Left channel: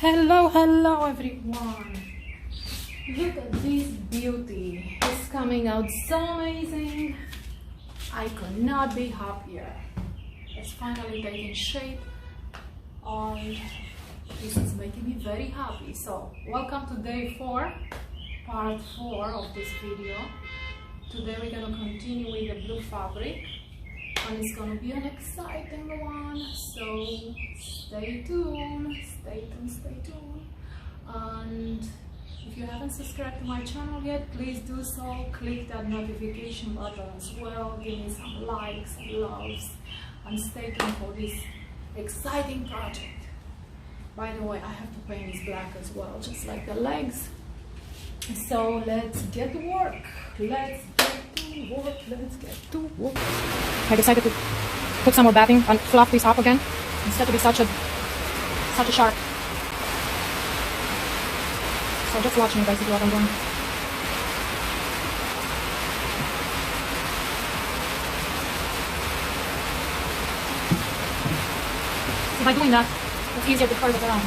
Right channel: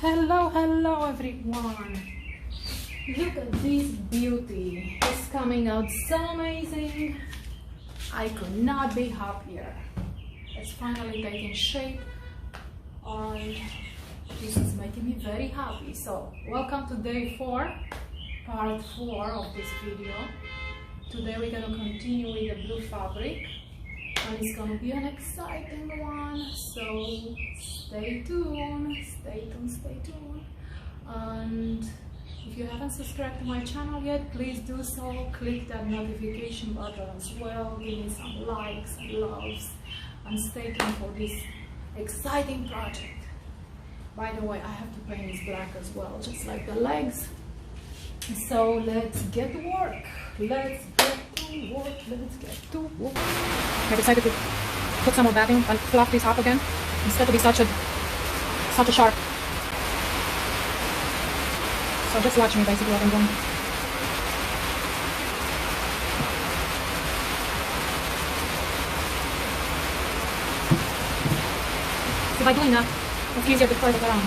Hello everyone. Look at this beauty. It's coming out so amazing. I could not be happier. It's finally taking shape and this is making me very happy. So welcome to day 4, part 4 of this video. Today we're going to continue with the blue fabric and it's going to be an exciting one, so stay tuned. And if you haven't subscribed to my channel yet, please do so. Click that notification button as well, give me some likes and loves, and stay tuned for this exciting project. By the way, I have to paint this black as well, just like the legs. So let's get to work. Let's get to work. I decided to put some more batting and fluff this up again instead of be such a sharp. So just watch me basically what I'm doing. So by doing that, it's easier to curl it around.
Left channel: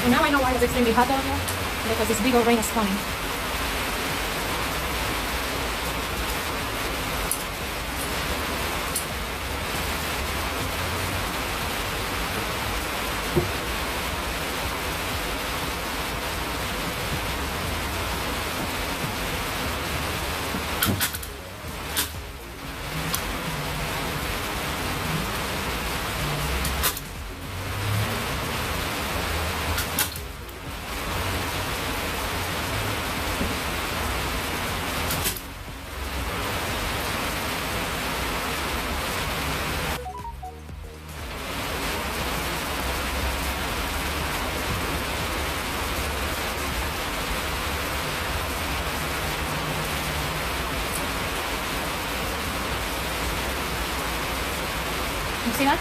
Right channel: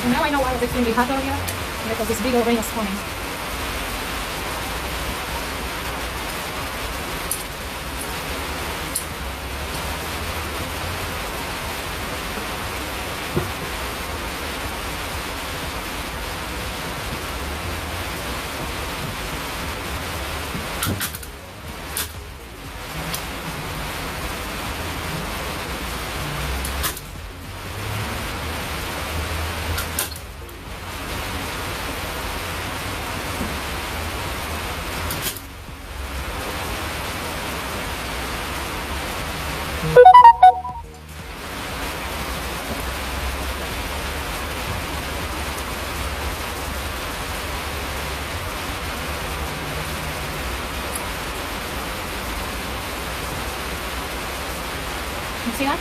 So now I know why it's extremely hot over here, because this big old rain is coming. You see that?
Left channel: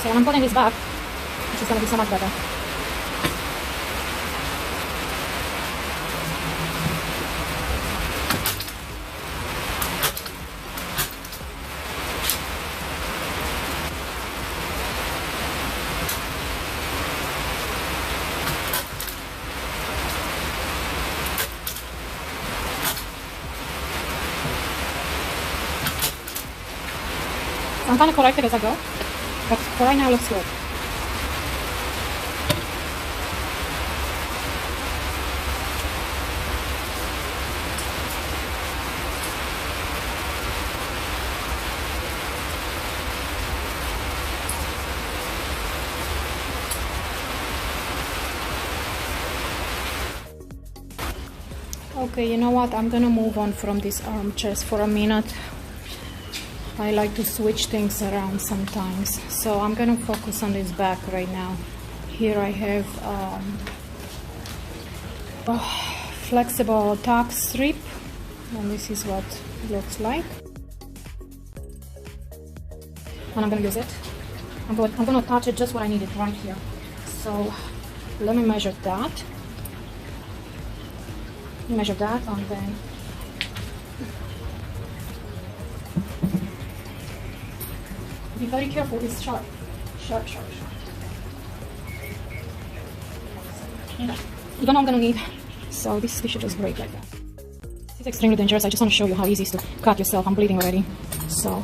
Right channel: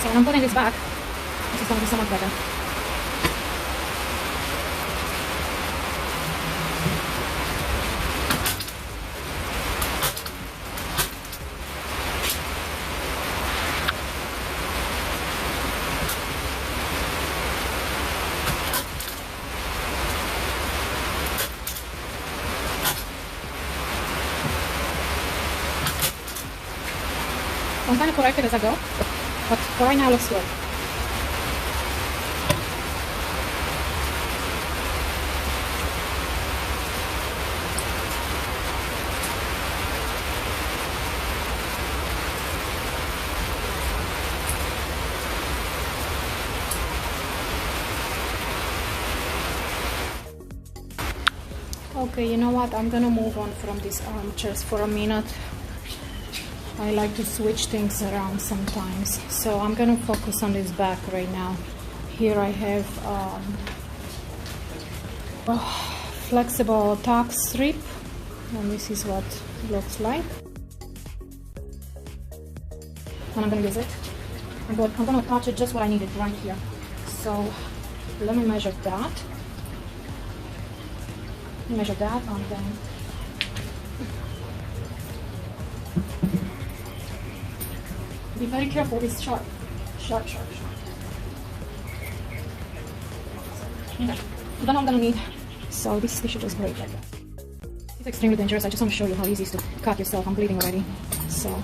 So when I'm putting this back, it's just going to be so much better. I'm trying to correct it as I go, but for right now it looks good. Okay, you know what? I'm gonna move on from these armchairs for a minute. I like to switch things around sometimes, so I'm gonna focus on this back right now. Here I have a flexible tack strip, and this is what it looks like. When I'm gonna use it, I'm gonna attach it just what I needed right here. So let me measure that. Measure that, and then very careful, it's sharp. Okay. You don't know what I'm gonna need, so this should just break it. It's extremely dangerous. I just want to show you how easy it is to cut yourself. I'm bleeding already, so.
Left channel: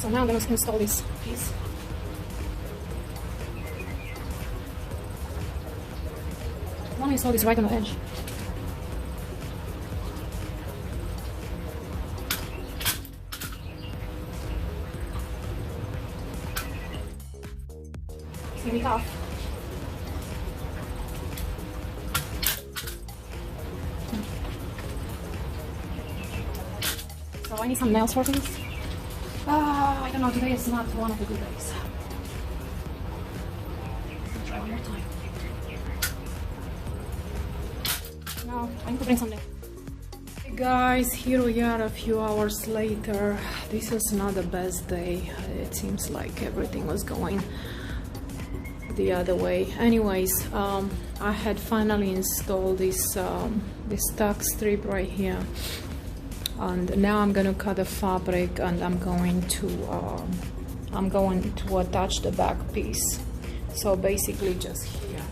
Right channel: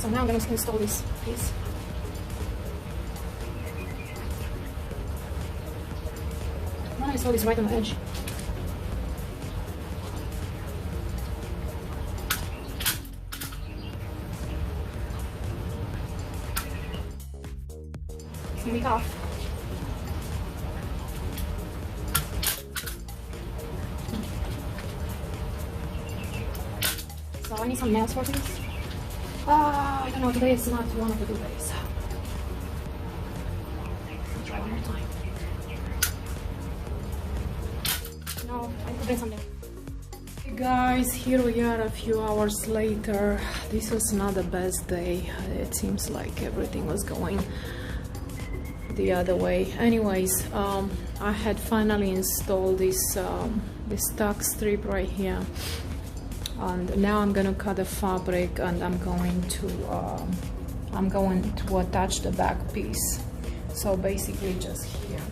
So now I'm going to install this piece. I want to install this right on the edge. It's going to be tough. So I need something else for this. I don't know, today is not one of the good days. I'll try one more time. Now, I need to bring something. Hey guys, here we are a few hours later. This was not the best day. It seems like everything was going the other way. Anyways, I had finally installed this tuck strip right here. And now I'm gonna cut the fabric, and I'm going to attach the back piece. So basically just here.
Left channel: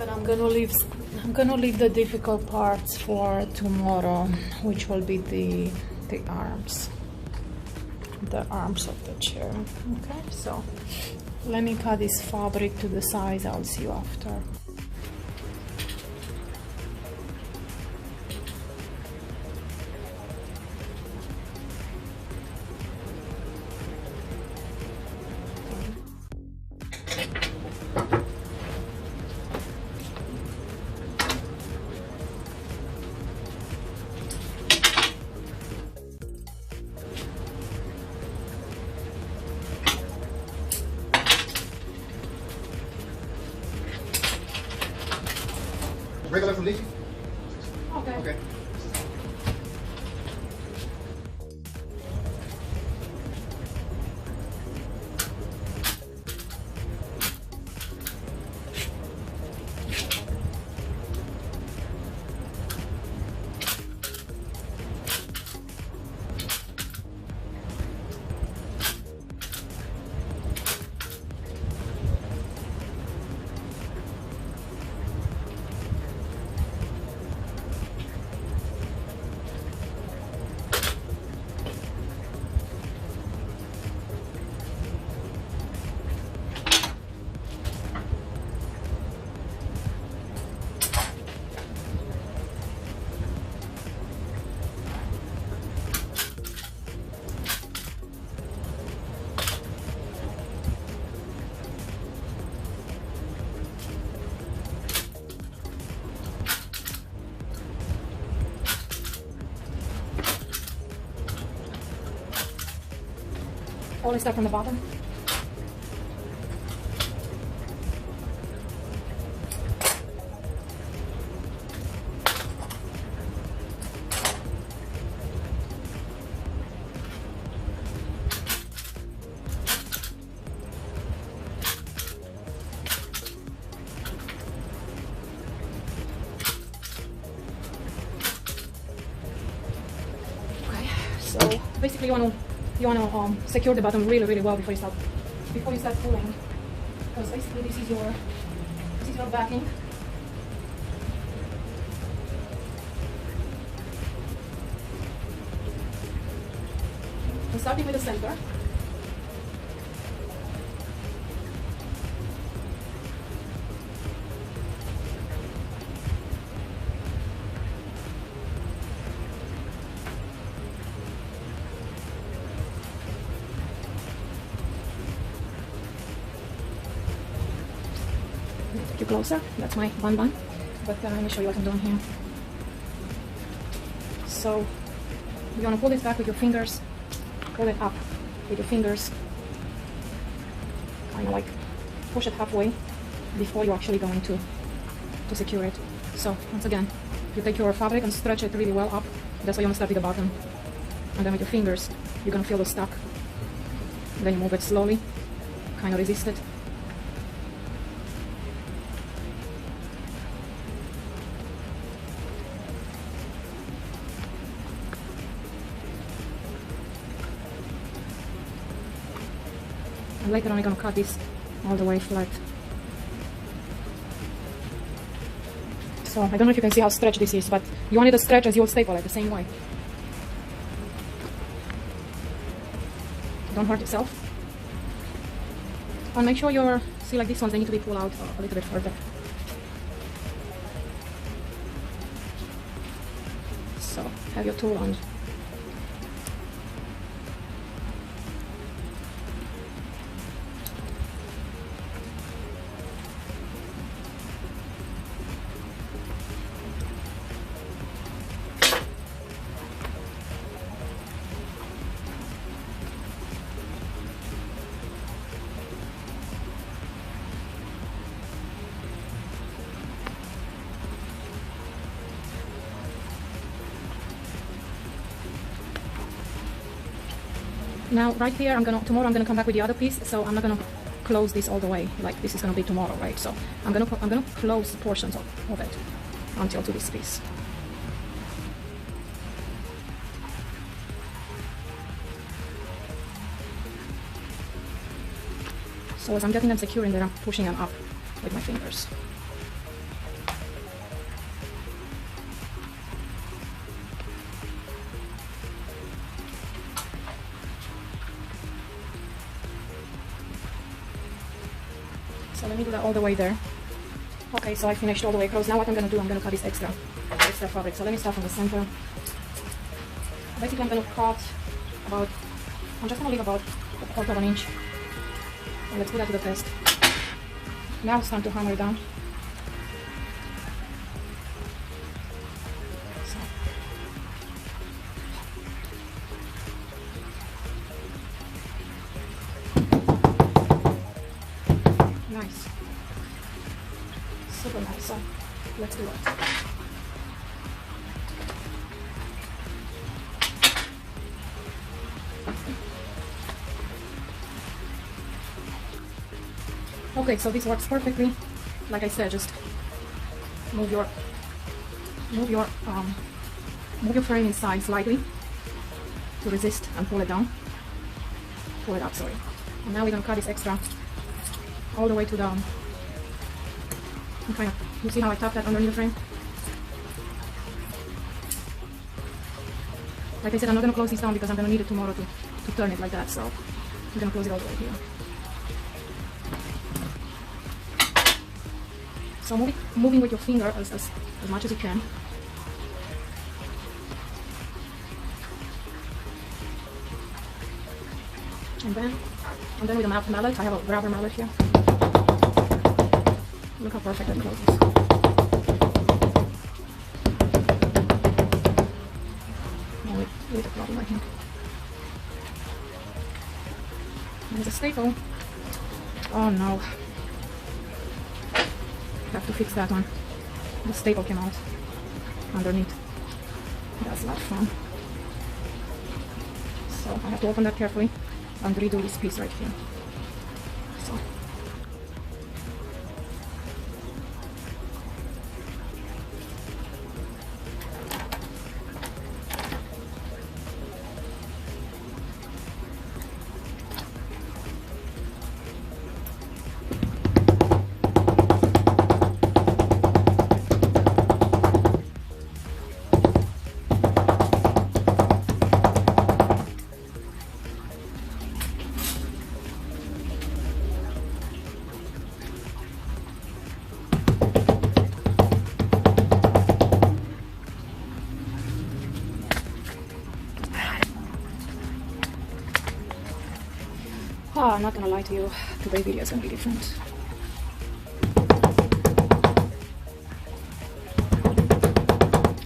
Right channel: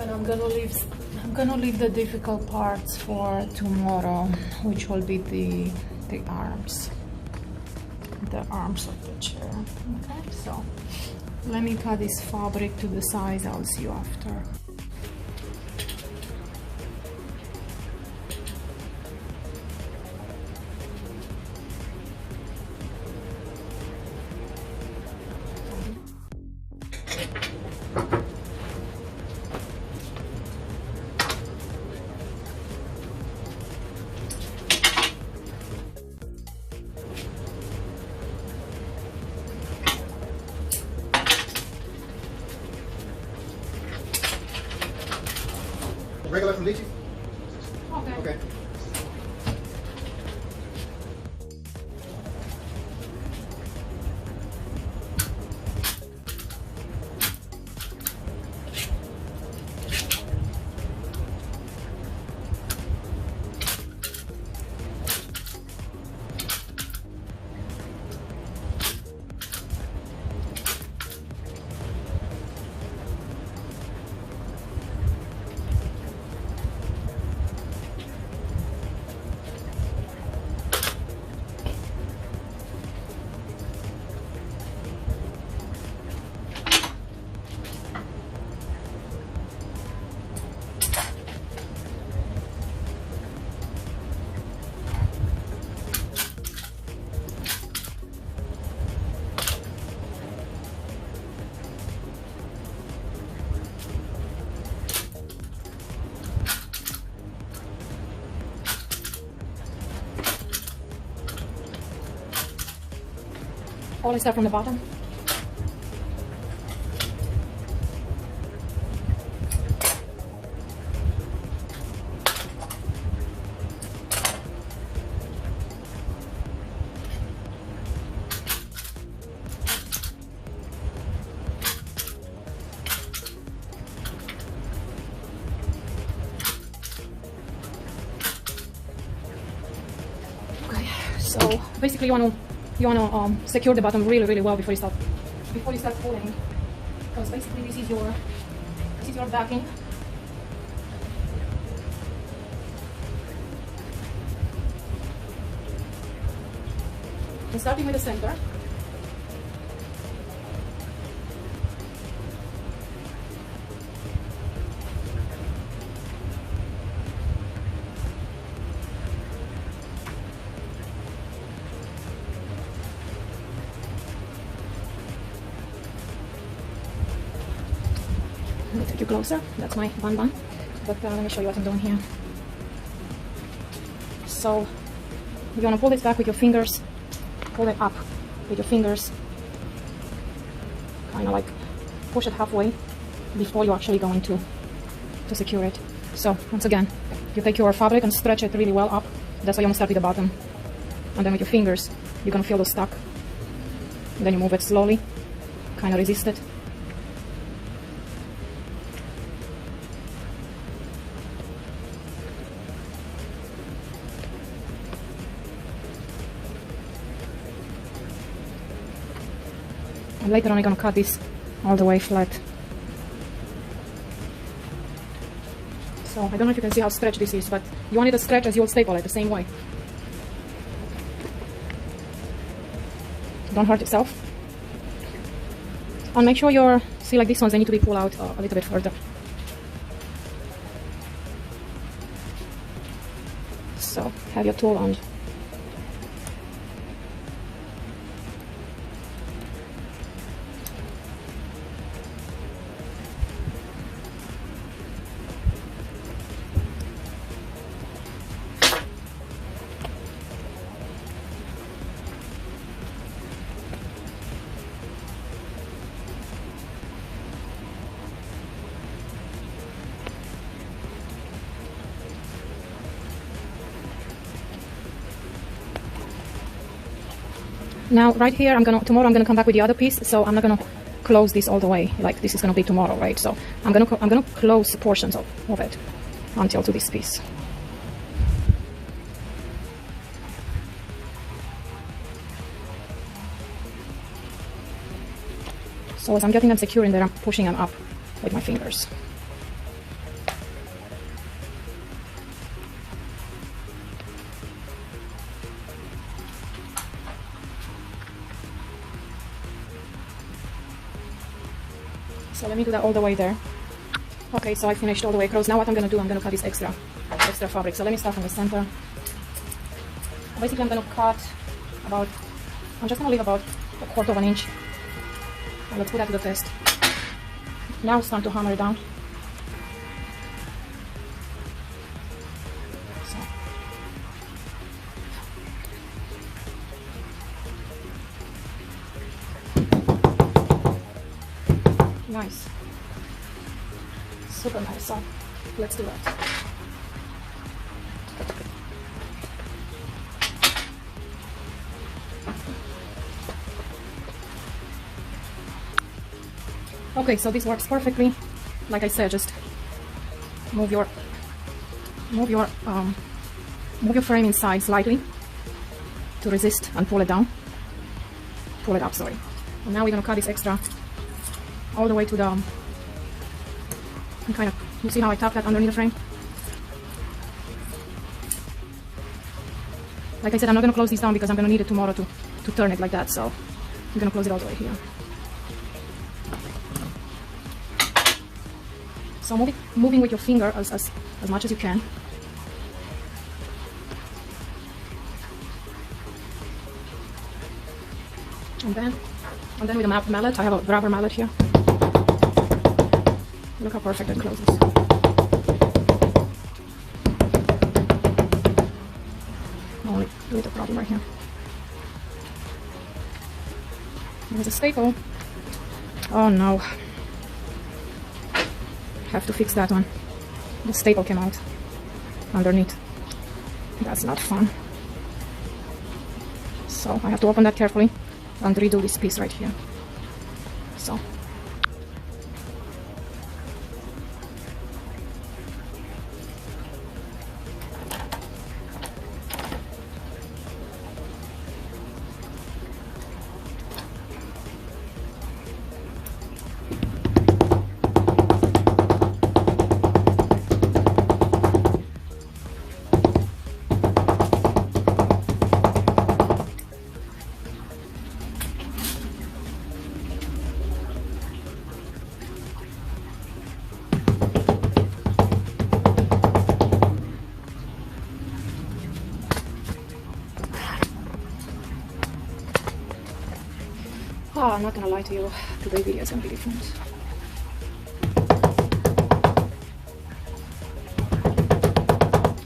And I'm gonna leave the difficult parts for tomorrow, which will be the arms of the chair. Okay, so let me cut this fabric to the size. I'll see you after. Regular from Nietzsche? Okay. Okay. Always start from the bottom. Okay, so basically you want to secure the bottom really well before you start pulling, because basically this is your backing. And starting with the center. Take it closer. That's my one bun. But let me show you what I'm doing here. So you're gonna pull this back with your fingers. Pull it up with your fingers. Kind of like push it halfway before you're actually going to secure it. So once again, you take your fabric and stretch it really well up. That's why you want to start with the bottom. And then with your fingers, you're gonna feel the stuck. And then you move it slowly, kind of resist it. And later on I'm going to cut this all the way flat. So I don't know if you can see how stretched this is, but you want it to stretch as you staple it the same way. don't hurt yourself. And make sure your, see like these ones, they need to be pulled out a little bit further. So have your tool on. Now right here, tomorrow I'm gonna come back with the other piece, so I'm not gonna close this all the way, like this is gonna be tomorrow, right? So I'm gonna close portions of it until to this piece. So as I'm getting them secure in there, I'm pushing them up with my fingers. So let me do that all the way there. Okay, so I finished all the way across. Now what I'm gonna do, I'm gonna cut this extra fabric. So let me start from the center. Basically, I'm gonna cut about, I'm just gonna leave about a quarter of an inch. And let's put that to the test. Now it's time to hammer it down. Nice. Super nice. So let's do that. Okay, so this works perfectly. Like I said, just move your frame inside slightly to resist and pull it down. Pull it up, sorry. And now we're gonna cut this extra all the way to the, you see how I tap that underneath the frame? Like I said, I'm not going to close this down because I'm going to need it tomorrow to turn it like that, so I'm going to close it all the way here. So moving with your finger as much as you can. And then with a mallet, I have a rubber mallet here. Look how perfect it closes. Oh, a little problem right here. There's a staple. Oh no. Have to fix that one. The staple came out underneath. That's not fun. So I have to open that carefully and redo this piece right here. So. Oh, I'm not gonna lie to you, today's video is gonna be different.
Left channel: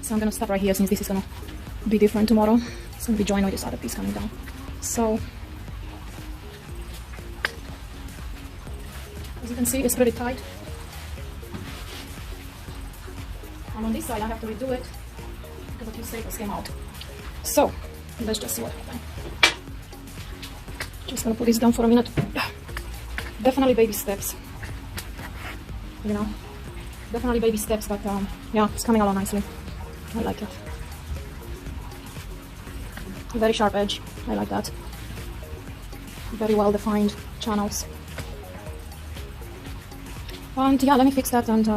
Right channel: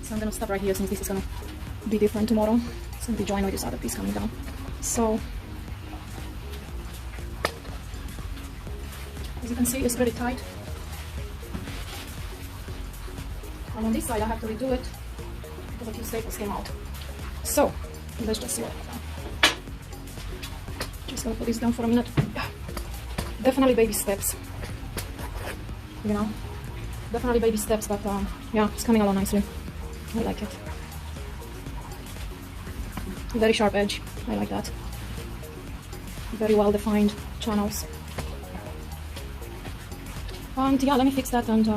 So I'm gonna stop right here since this is gonna be different tomorrow. It's gonna be joined with this other piece coming down. So, as you can see, it's pretty tight. And on this side I have to redo it because a few staples came out. So, let's just see what I've done. Just gonna put this down for a minute. Definitely baby steps, you know, definitely baby steps, but yeah, it's coming along nicely. I like it. Very sharp edge, I like that. Very well defined channels. And yeah, let me fix that and